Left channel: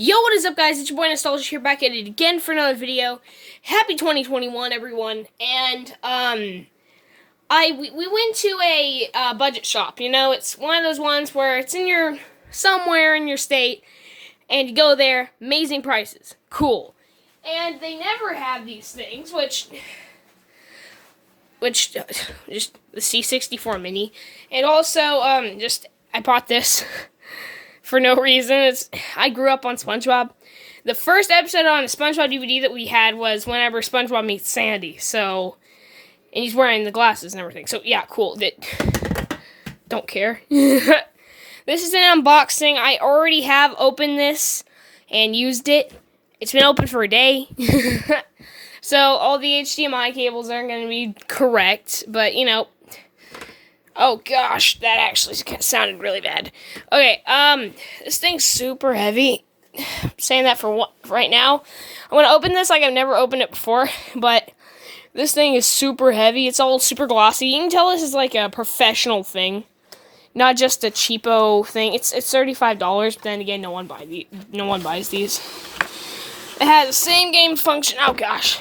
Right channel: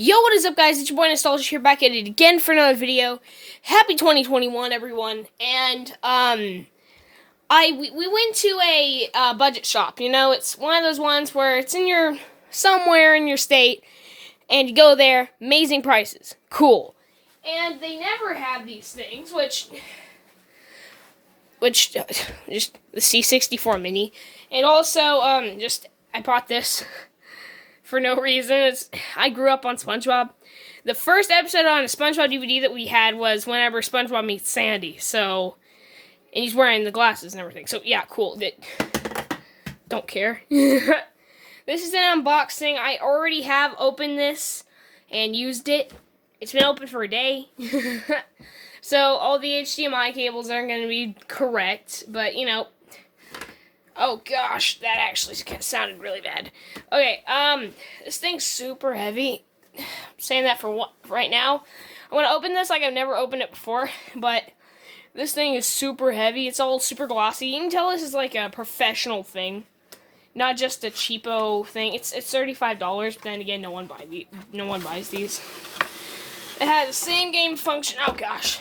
Yo, what is up, guys? It's your boy Nostalgia here, back at it again for another video. Happy 2021, everyone. And we went to a budget shop. You know, it's one of those ones where it's somewhere in your state, and you go there, amazing prices, cool. And they never have these things, which just the C64 mini, and also I bought this. For no reason. I grew up on SpongeBob. The first episode on a SpongeBob DVD that we had was whenever SpongeBob meets Sandy. So, and he's wearing the glasses and everything. So, yeah, cool. Don't care. This is an unboxing. I already have opened this and used it. It's been open for a day. So, all the HDMI cables aren't going to be correct. But, you know. Oh gosh, that actually sounded really bad. Okay, this thing's super heavy. I'm saying that for right now. I'm gonna open this like I've never opened it before, but this thing is super heavy. It's all super glossy. You can tell this is like a professional thing, not just a cheapo thing. It's $35, but then again, no one buys these. It has the same game function. Oh gosh,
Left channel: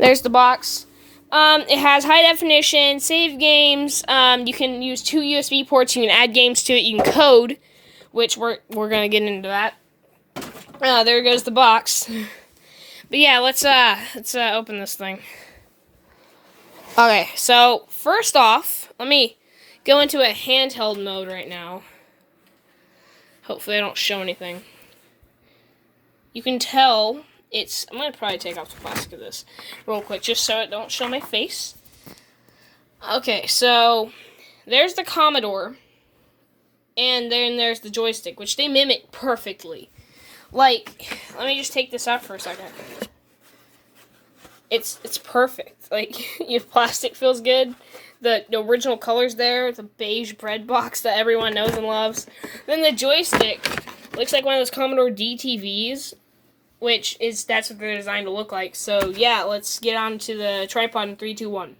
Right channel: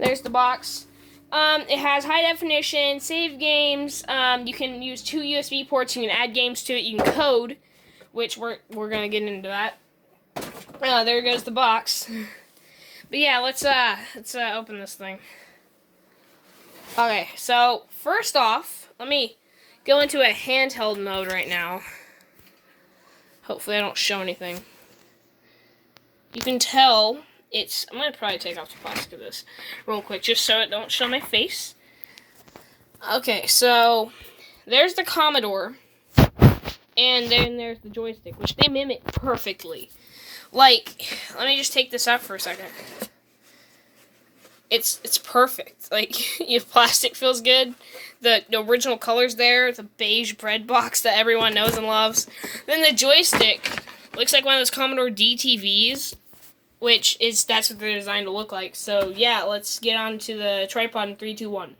there's the box. It has high definition, save games, you can use 2 USB ports, you can add games to it, you can code, which we're gonna get into that. There goes the box. But yeah, let's open this thing. Okay, so, first off, let me go into a handheld mode right now. Hopefully I don't show anything. You can tell... I'm going to probably take off the plastic of this real quick, just so it don't show my face. Okay, so, there's the Commodore, and then there's the joystick, which they mimic perfectly. Like, let me just take this out for a second. It's perfect. Like, if plastic feels good, the original color's there, the beige bread box that everyone knows and loves. Then the joystick looks like one of those Commodore DTVs. That's what they're designed to look like. So, yeah, let's get on to the tripod in 3, 2, 1.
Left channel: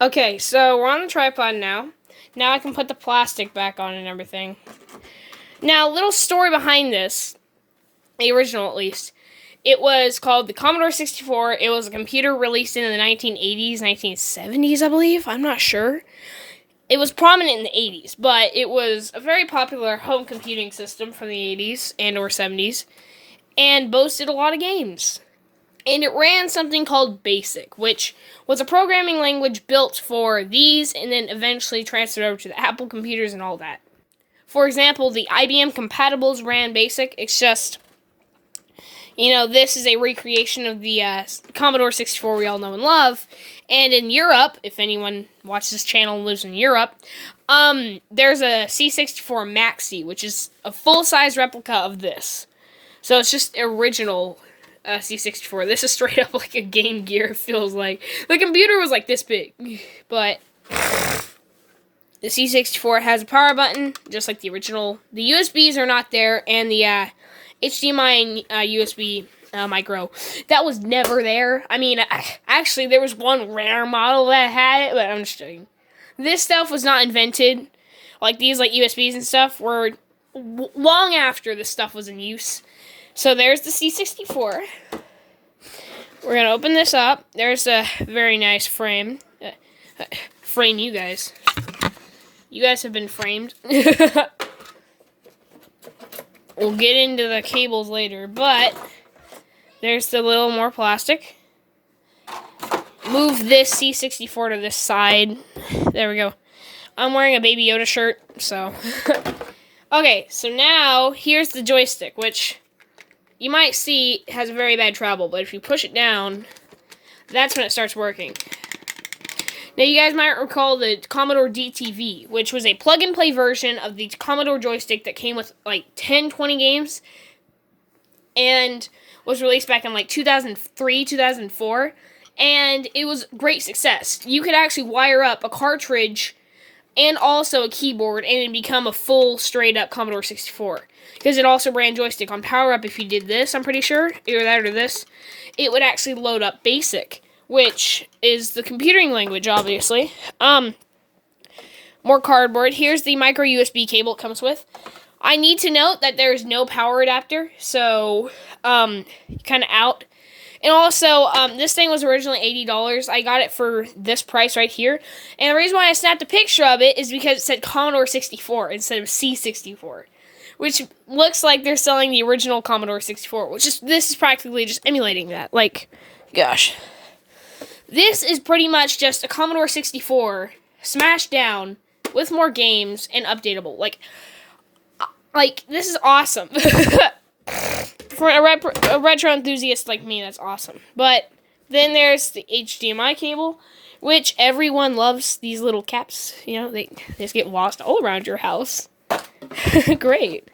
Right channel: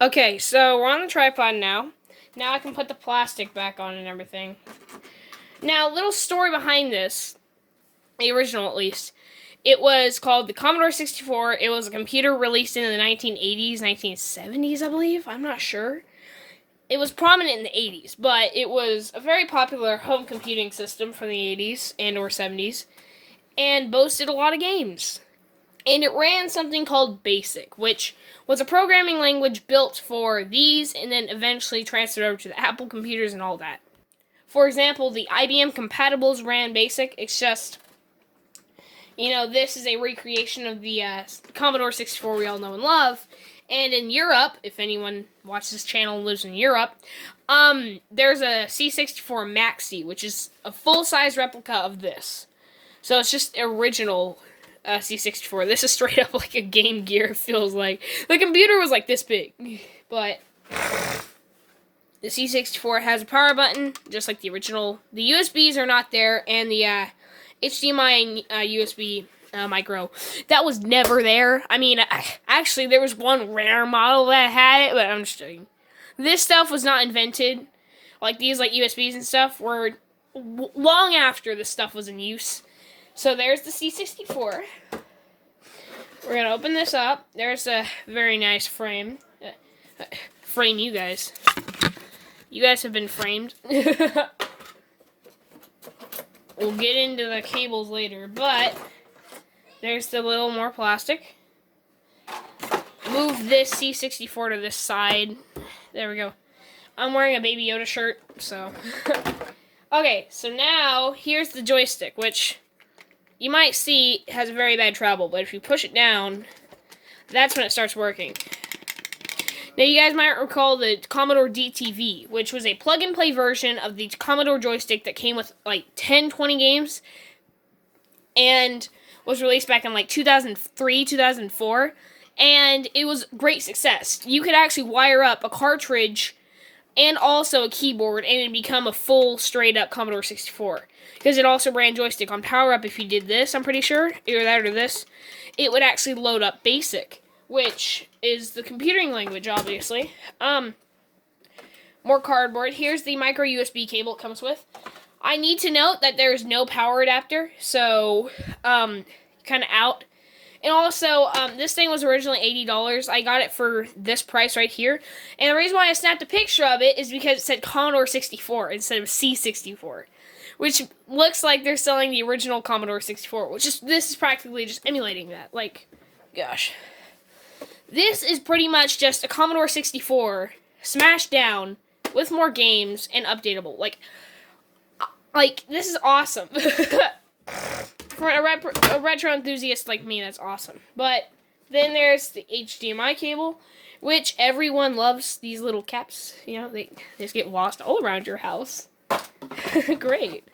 Okay, so we're on the tripod now. Now I can put the plastic back on and everything. Now, a little story behind this, the original at least. It was called the Commodore 64. It was a computer released in the 1980s, 1970s, I believe. I'm not sure. It was prominent in the 80s, but it was a very popular home computing system from the 80s and or 70s. And boasted a lot of games. And it ran something called BASIC, which was a programming language built for these and then eventually transferred over to the Apple computers and all that. For example, the IBM compatibles ran BASIC. It's just, you know, this is a recreation of the Commodore 64 we all know and love. And in Europe, if anyone watches this channel and lives in Europe, there's a C64 Maxi, which is a full-size replica of this. So it's just original C64. This is straight up like a Game Gear, it feels like. The computer was like this big. But the C64 has a power button, just like the original. The USBs are not there, and the HDMI and USB micro, that was never there. I mean, actually, there was one rare model that had it, but I'm just kidding. This stuff was not invented. Like, these like USBs and stuff were long after this stuff was in use. So there's the C64. We're going to open this up. There's a very nice frame. Frame you guys. You guys have been framed. We'll get into the cables later, but there's the little more plastic. Move this C64 to this side. There we go. I'm wearing a Baby Yoda shirt, so. Okay, so now here's the joystick, which you might see has a very bad travel, but if you push it down, that's when it starts working. Now, you guys might recall the Commodore DTV, which was a plug-and-play version of the Commodore joystick that came with, like, 10, 20 games, and was released back in, like, 2003, 2004, and it was a great success. You could actually wire up a cartridge and also a keyboard, and it would become a full, straight-up Commodore 64. Because it also ran joystick on power up. If you did this, I'm pretty sure, either that or this, it would actually load up BASIC, which is the computing language, obviously. More cardboard. Here's the micro USB cable it comes with. I need to note that there is no power adapter, so kind of out. And also, this thing was originally $80. I got it for this price right here. And the reason why I snapped a picture of it is because it said Commodore 64 instead of C64. Which looks like they're selling the original Commodore 64, this is practically just emulating that. Like, gosh. This is pretty much just a Commodore 64 smashed down with more games and updatable. Like this is awesome. For a retro enthusiast like me, that's awesome. But then there's the HDMI cable, which everyone loves. These little caps, you know, they just get lost all around your house. Great.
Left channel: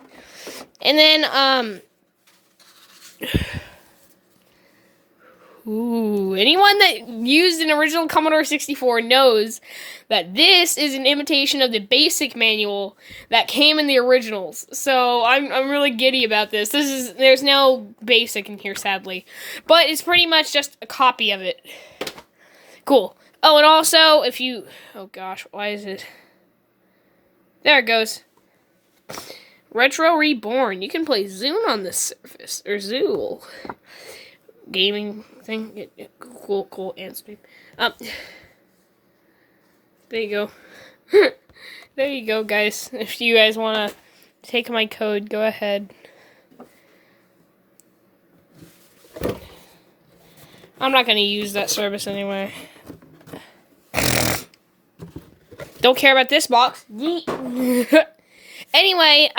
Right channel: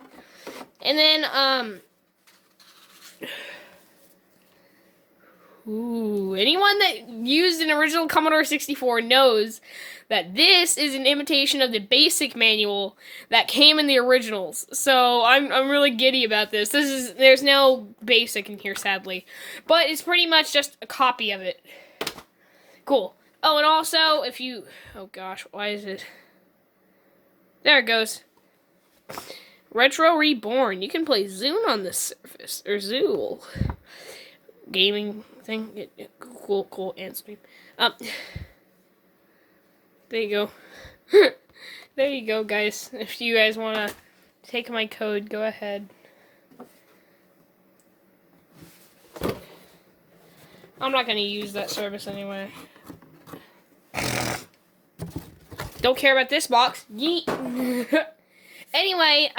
And then, anyone that used an original Commodore 64 knows that this is an imitation of the basic manual that came in the originals. So I'm really giddy about this. There's no basic in here, sadly. But it's pretty much just a copy of it. Cool. Oh, and also, oh gosh, why is it? There it goes. Retro Reborn. You can play Zune on this surface, or Zool. Gaming thing. Cool, and stream. There you go. There you go, guys. If you guys want to take my code, go ahead. I'm not going to use that service anyway. Don't care about this box. Yeet. Anyway,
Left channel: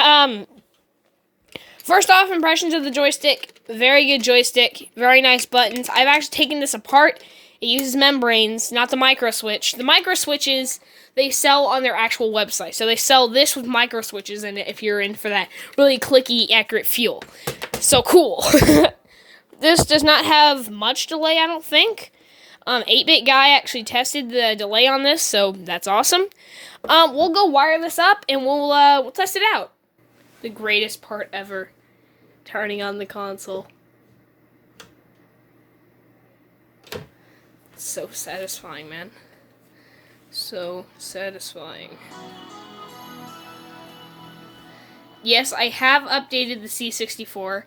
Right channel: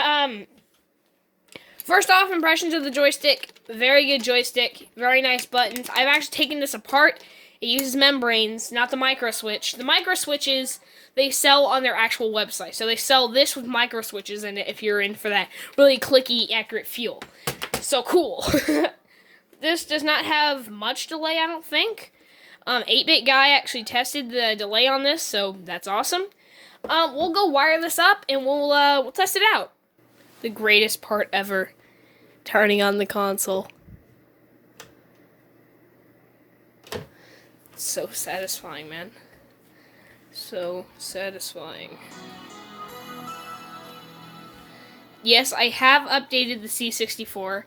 first off, impressions of the joystick. Very good joystick. Very nice buttons. I've actually taken this apart. It uses membranes, not the micro switch. The micro switches, they sell on their actual website. So they sell this with micro switches in it if you're in for that really clicky, accurate feel. So cool. This does not have much delay, I don't think. 8-Bit Guy actually tested the delay on this, so that's awesome. We'll go wire this up, and we'll test it out. The greatest part ever. Turning on the console. So satisfying, man. So satisfying. Yes, I have updated the C64.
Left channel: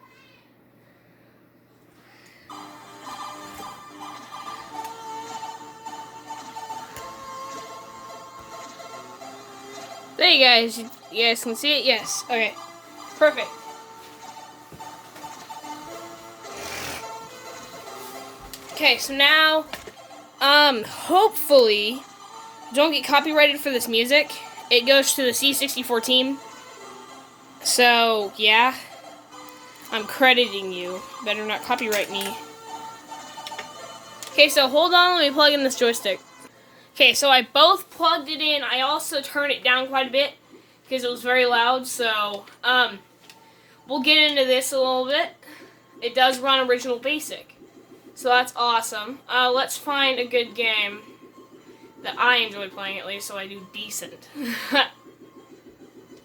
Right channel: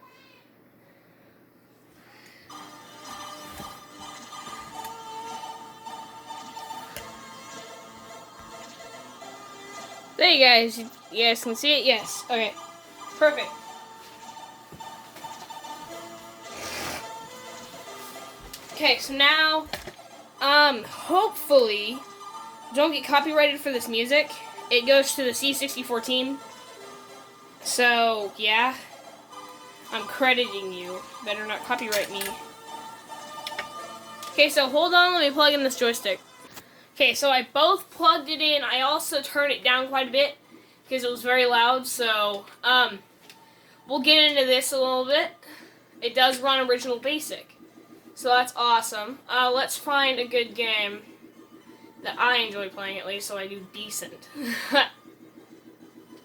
There you guys. You guys can see it? Yes. Okay. Perfect. Okay, so now, hopefully, don't get copyrighted for this music. It goes to the C64 team. So, yeah. I'm crediting you. Better not copyright me. Okay, so hold on. Let me plug in this joystick. Okay, so I both plugged it in. I also turned it down quite a bit because it was very loud. So, we'll get into this a little bit. It does run original basic. So that's awesome. Let's find a good game that I enjoy playing at least, so I do decent.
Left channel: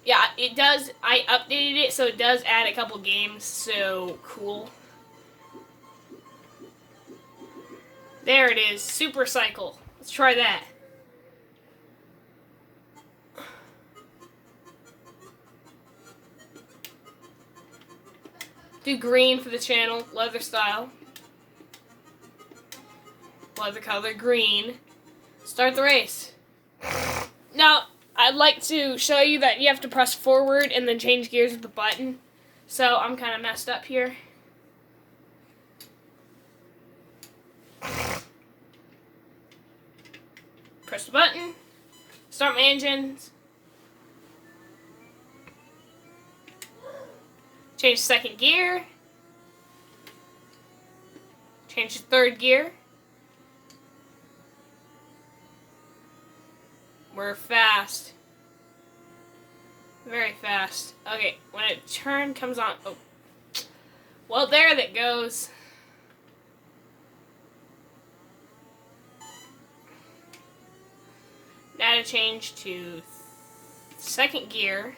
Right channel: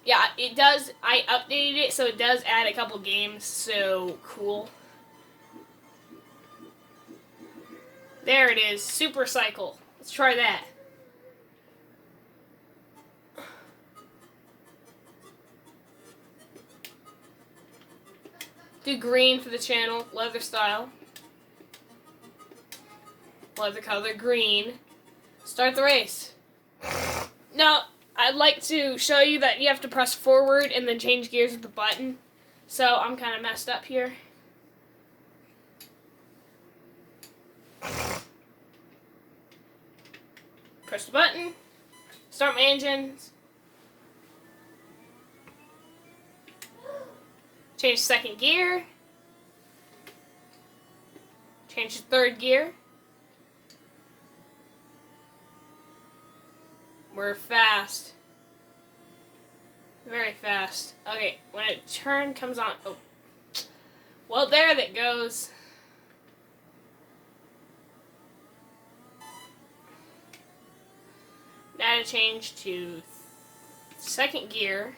Yeah, it does. I updated it, so it does add a couple games. So cool. There it is. Super Cycle. Let's try that. Do green for the channel. Leather style. Leather color green. Start the race. Now, I'd like to show you that you have to press forward and then change gears with the button. So I'm kind of messed up here. Press the button. Start my engines. Change second gear. Change to third gear. We're fast. Very fast. Okay, when a turn comes on... Oh. Well, there that goes. Now to change to second gear.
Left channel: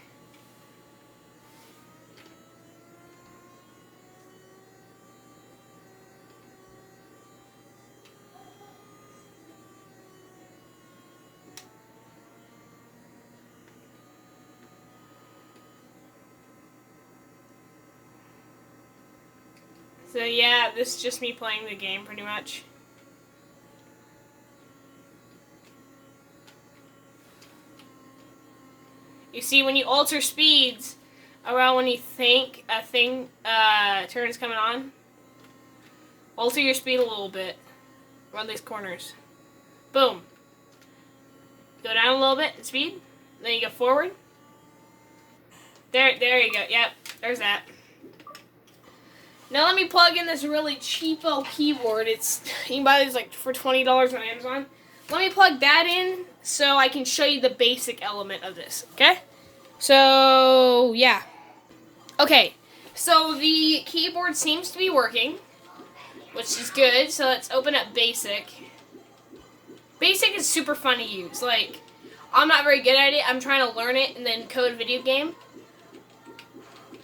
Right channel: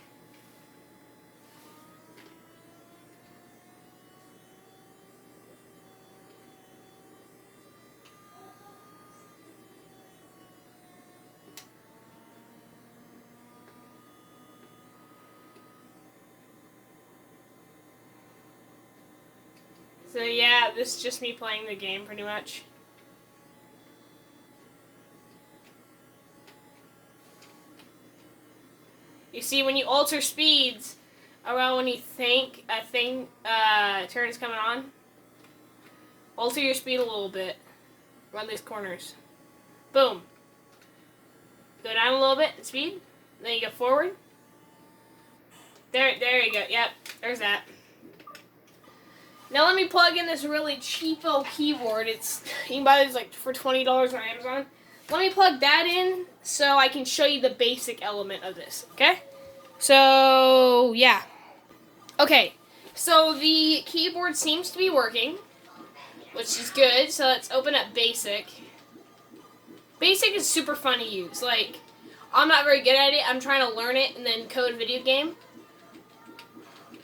So yeah, this is just me playing the game pretty much. You see, when you alter speeds around when you think a turn is coming on, alter your speed a little bit around these corners. Boom. Go down a little bit in speed. Then you go forward. There you go. Yep, there's that. Now let me plug in this really cheapo keyboard. You can buy this like for $20 on Amazon. Let me plug that in so I can show you the basic element of this, okay? So, yeah. Okay, so the keyboard seems to be working, which is good. So let's open up Basic. Basic is super fun to use. Like, I'm not very good at it. I'm trying to learn it and then code a video game.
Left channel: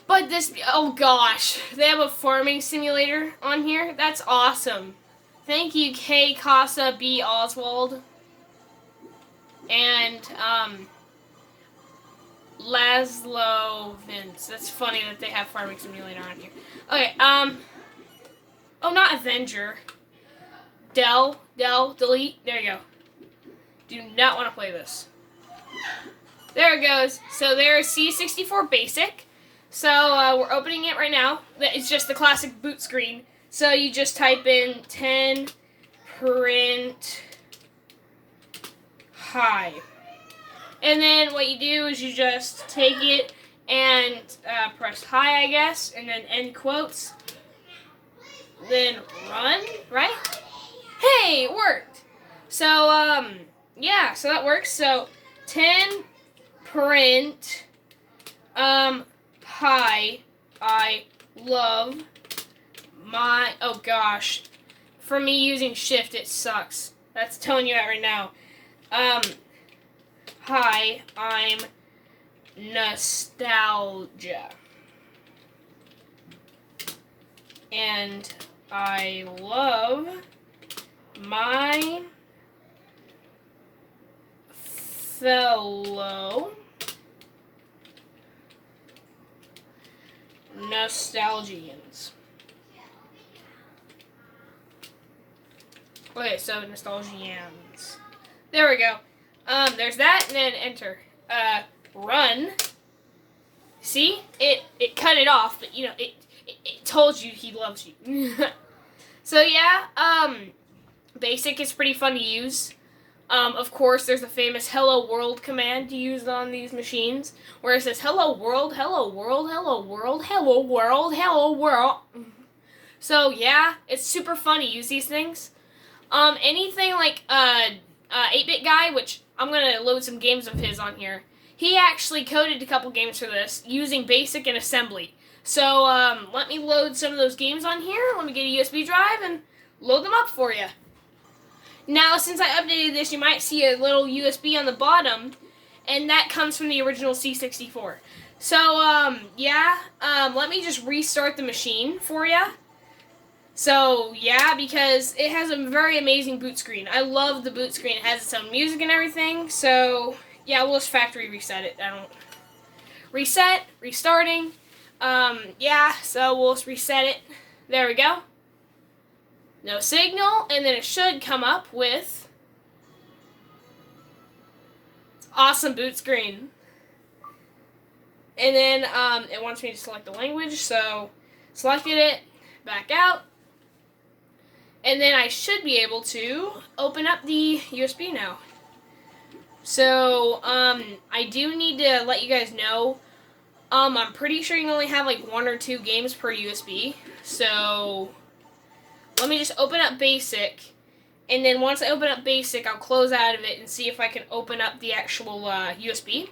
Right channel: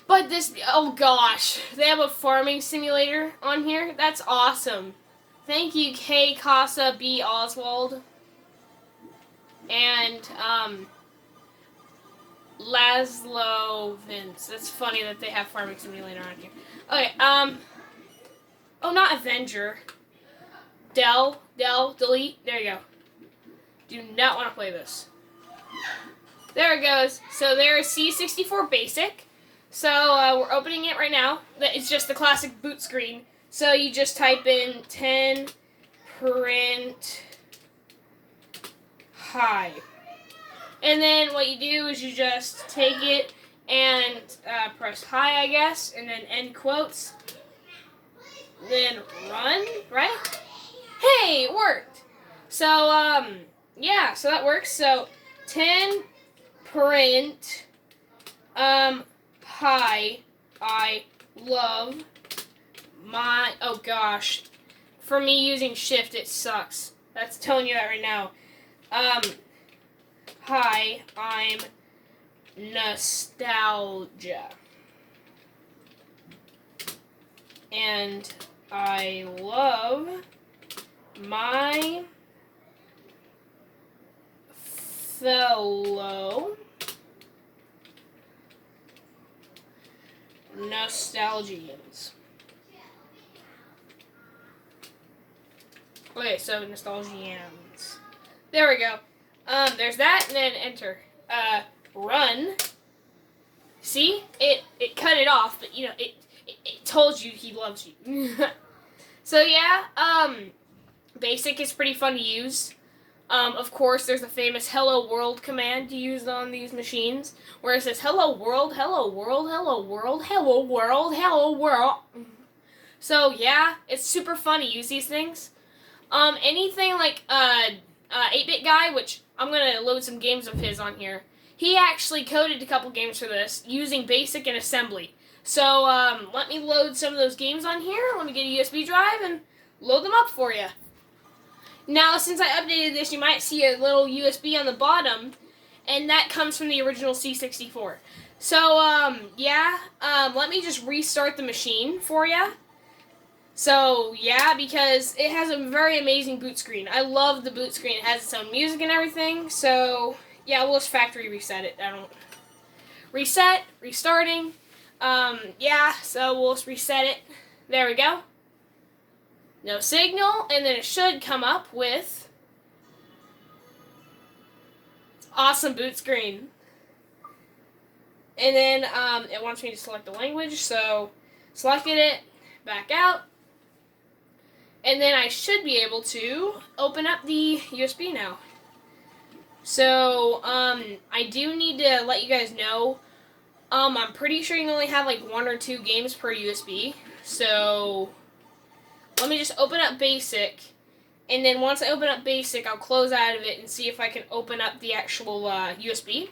But this, oh gosh, they have a farming simulator on here. That's awesome. Thank you, K. Casa B. Oswald. And, Laszlo Vince. That's funny that they have farming simulator on here. Okay, oh, not Avenger. Delete. There you go. Do not want to play this. There it goes. So there's C64 Basic. So we're opening it right now. It's just the classic boot screen. So you just type in 10 print high. And then what you do is you just take it and press high, I guess, and then end quotes. Then run, right? Hey, it worked. So, yeah, so that works. So, 10 print, hi, I love my, oh gosh. For me using shift, it sucks. That's telling you that right now. Hi, I'm nostalgia. And I love my fellow nostalgians. Okay, so nostalgians. There we go. There's that, and then enter. Run. See? It cut it off, but, you know, it told you he loves you. So, yeah, Basic is pretty fun to use. Of course, there's the famous Hello World command to use on these machines, where it says, Hello World, Hello World, Hello World, Hello World, Hello World. So, yeah, it's super fun to use these things. Anything like, 8-Bit Guy, which I'm going to load some games of his on here. He actually coded a couple games for this using Basic and Assembly. So, let me load some of those games on here. Let me get a USB drive and load them up for you. Now, since I updated this, you might see a little USB on the bottom, and that comes from the original C64. So, yeah, let me just restart the machine for you. So, yeah, because it has a very amazing boot screen. I love the boot screen. It has its own music and everything. So, yeah, we'll just factory reset it. Reset, restarting. Yeah, so we'll just reset it. There we go. No signal, and then it should come up with awesome boot screen. And then, it wants me to select the language, so selected it, back out. And then I should be able to open up the USB now. So, I do need to let you guys know, I'm pretty sure you can only have like 1 or 2 games per USB. So, let me just open up Basic. And then once I open up Basic, I'll close out of it and see if I can open up the actual USB.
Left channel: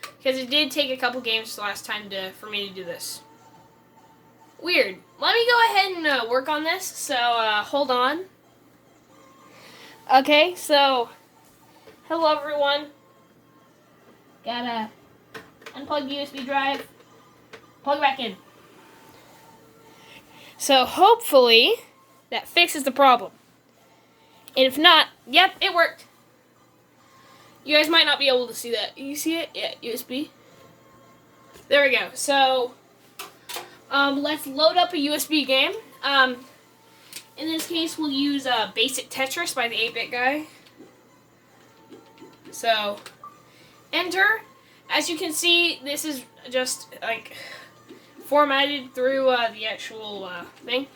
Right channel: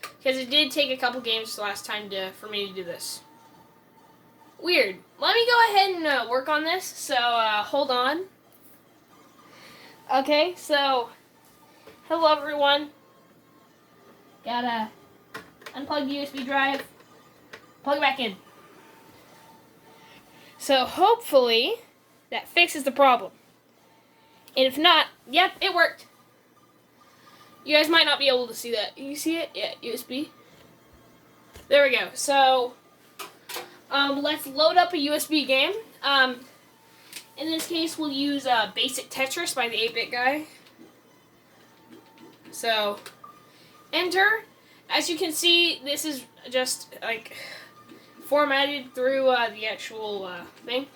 Because it did take a couple games the last time for me to do this. Weird. Let me go ahead and work on this, so hold on. Okay, so, hello everyone. Gotta unplug the USB drive, plug it back in. So hopefully, that fixes the problem. And if not, yep, it worked. You guys might not be able to see that. You see it? Yeah, USB. There we go. So, let's load up a USB game. In this case, we'll use Basic Tetris by the 8-Bit Guy. So, enter. As you can see, this is just like formatted through the actual thing.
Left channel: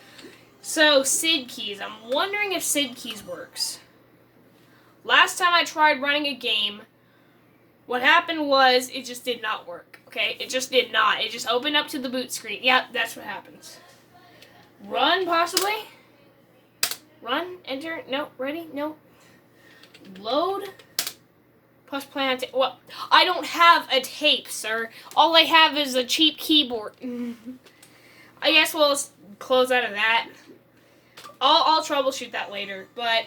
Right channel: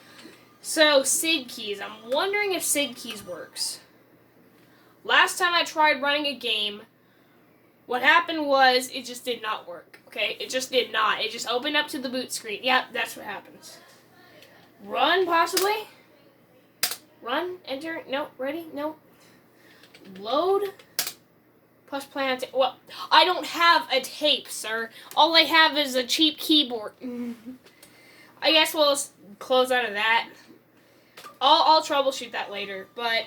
So, SID keys. I'm wondering if SID keys works. Last time I tried running a game, what happened was it just did not work. Okay, it just did not. It just opened up to the boot screen. Yep, that's what happens. Run, possibly. Run, enter, no, ready, no. Load. Plus plan. Well, I don't have a tape, sir. All I have is a cheap keyboard. I guess we'll close out of that. I'll troubleshoot that later. But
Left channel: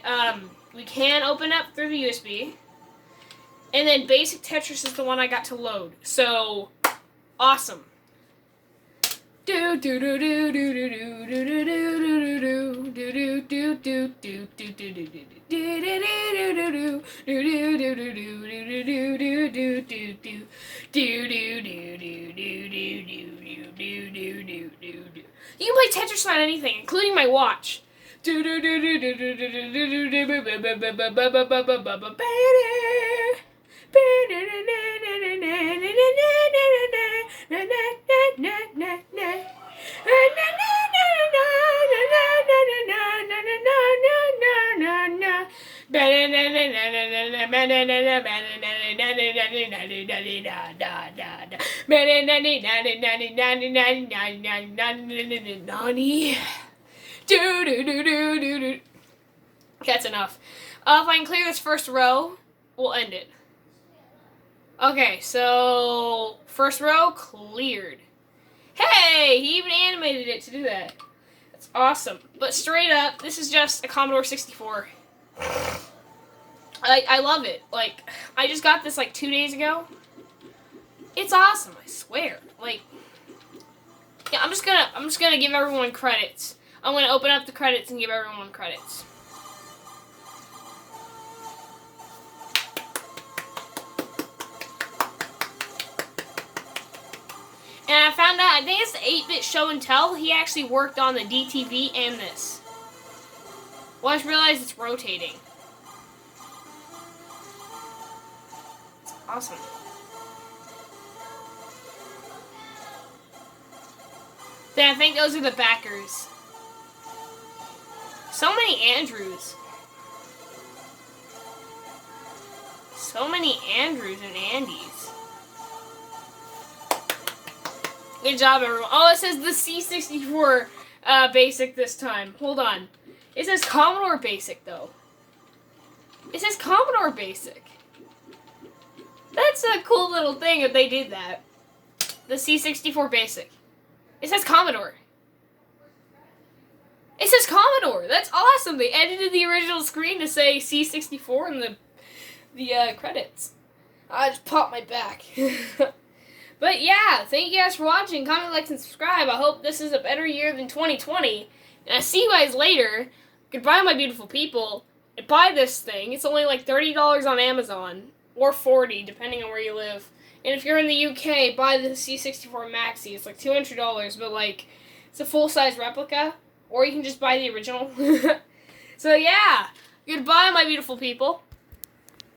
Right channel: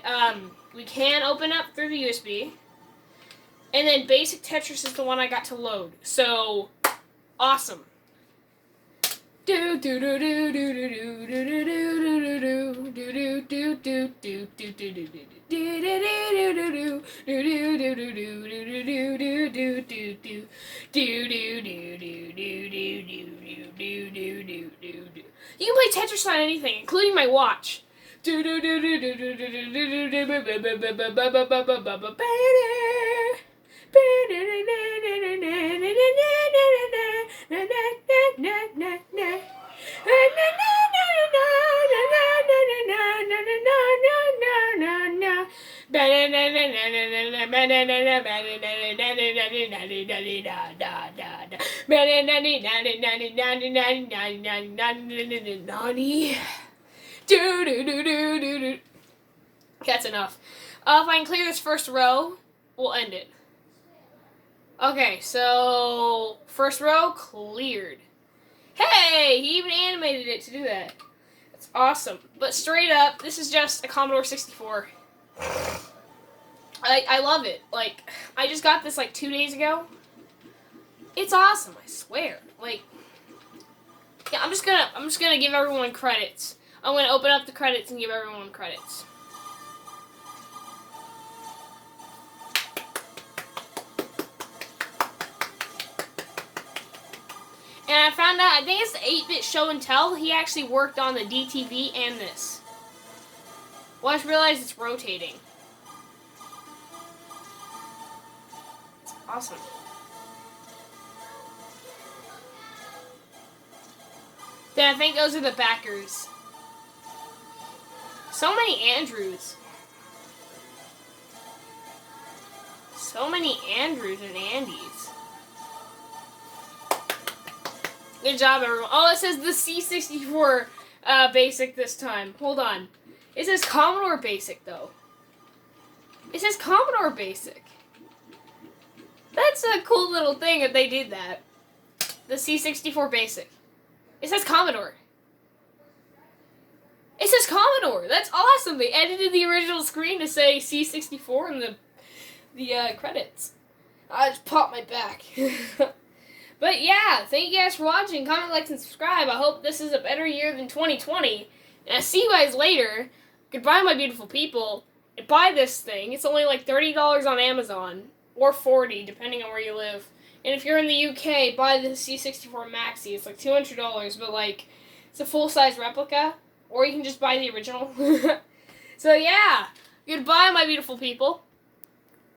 we can open up through the USB. And then Basic Tetris is the one I got to load. So, awesome. Do do do do do do do do do do do do do do you can play Tetris on anything, including my watch. That's enough. If I can clear this first row, we'll end it. Okay, so first row cleared. Hey, he even animated it to do that. That's awesome. But straight up, this is just a Commodore 64. I love it. Like, I just got this like 2 days ago. It's awesome, I swear. Like, yeah, I'm just gonna give everyone credits. I'm gonna open up the credits and give everyone credits. And I found out, I think it's the 8-Bit Show and Tell, he actually worked on the DTV and this. Well, I just realized it's rotating. It's awesome. Then I think those are the backers. So many Andrews. So many Andrews and Andys. Good job, everyone. Oh, it says the C64 Basic this time. Hold on. It says Commodore Basic, though. It says Commodore Basic. That's a cool little thing that they did that. The C64 Basic. It says Commodore. It says Commodore. That's awesome. They edited the original screen to say C64 in the credits. I just popped my back. But yeah, thank you guys for watching. Comment, like, and subscribe. I hope this is a better year than 2020. And I'll see you guys later. Goodbye, my beautiful people. And buy this thing. It's only like $30 on Amazon. Or $40, depending on where you live. And if you're in the UK, buy the C64 Maxi. It's like $200, but like, it's a full-size replica. Or you can just buy the original. So yeah, goodbye, my beautiful people.